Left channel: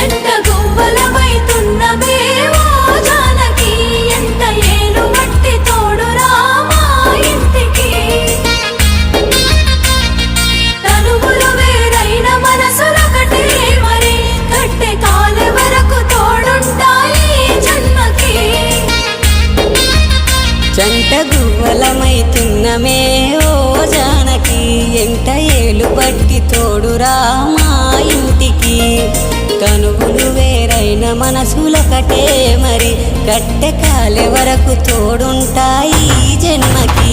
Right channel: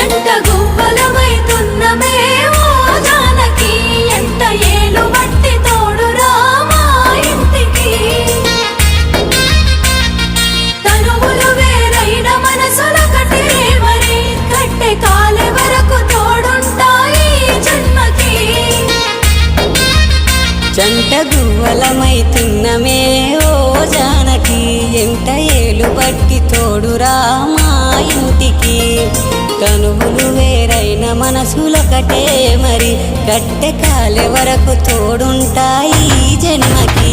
జంట గువ్వలమైతున్నమే ఓ జానకి ఎంత ఏలు బట్టి తోడురా మా ఇంటికి తనువులు వేరైన మనసులొకటే మరి కట్టె కాలే వరకు తోడుంటాయి జన్మకి జంట గువ్వలమైతున్నమే ఓ జానకి ఎంట ఏలు బట్టి తోడురా మా ఇంటికి తనువులు వేరైన మనసులొకటే మరి కట్టె కాలే వరకు తోడుంటాయి జన్మకి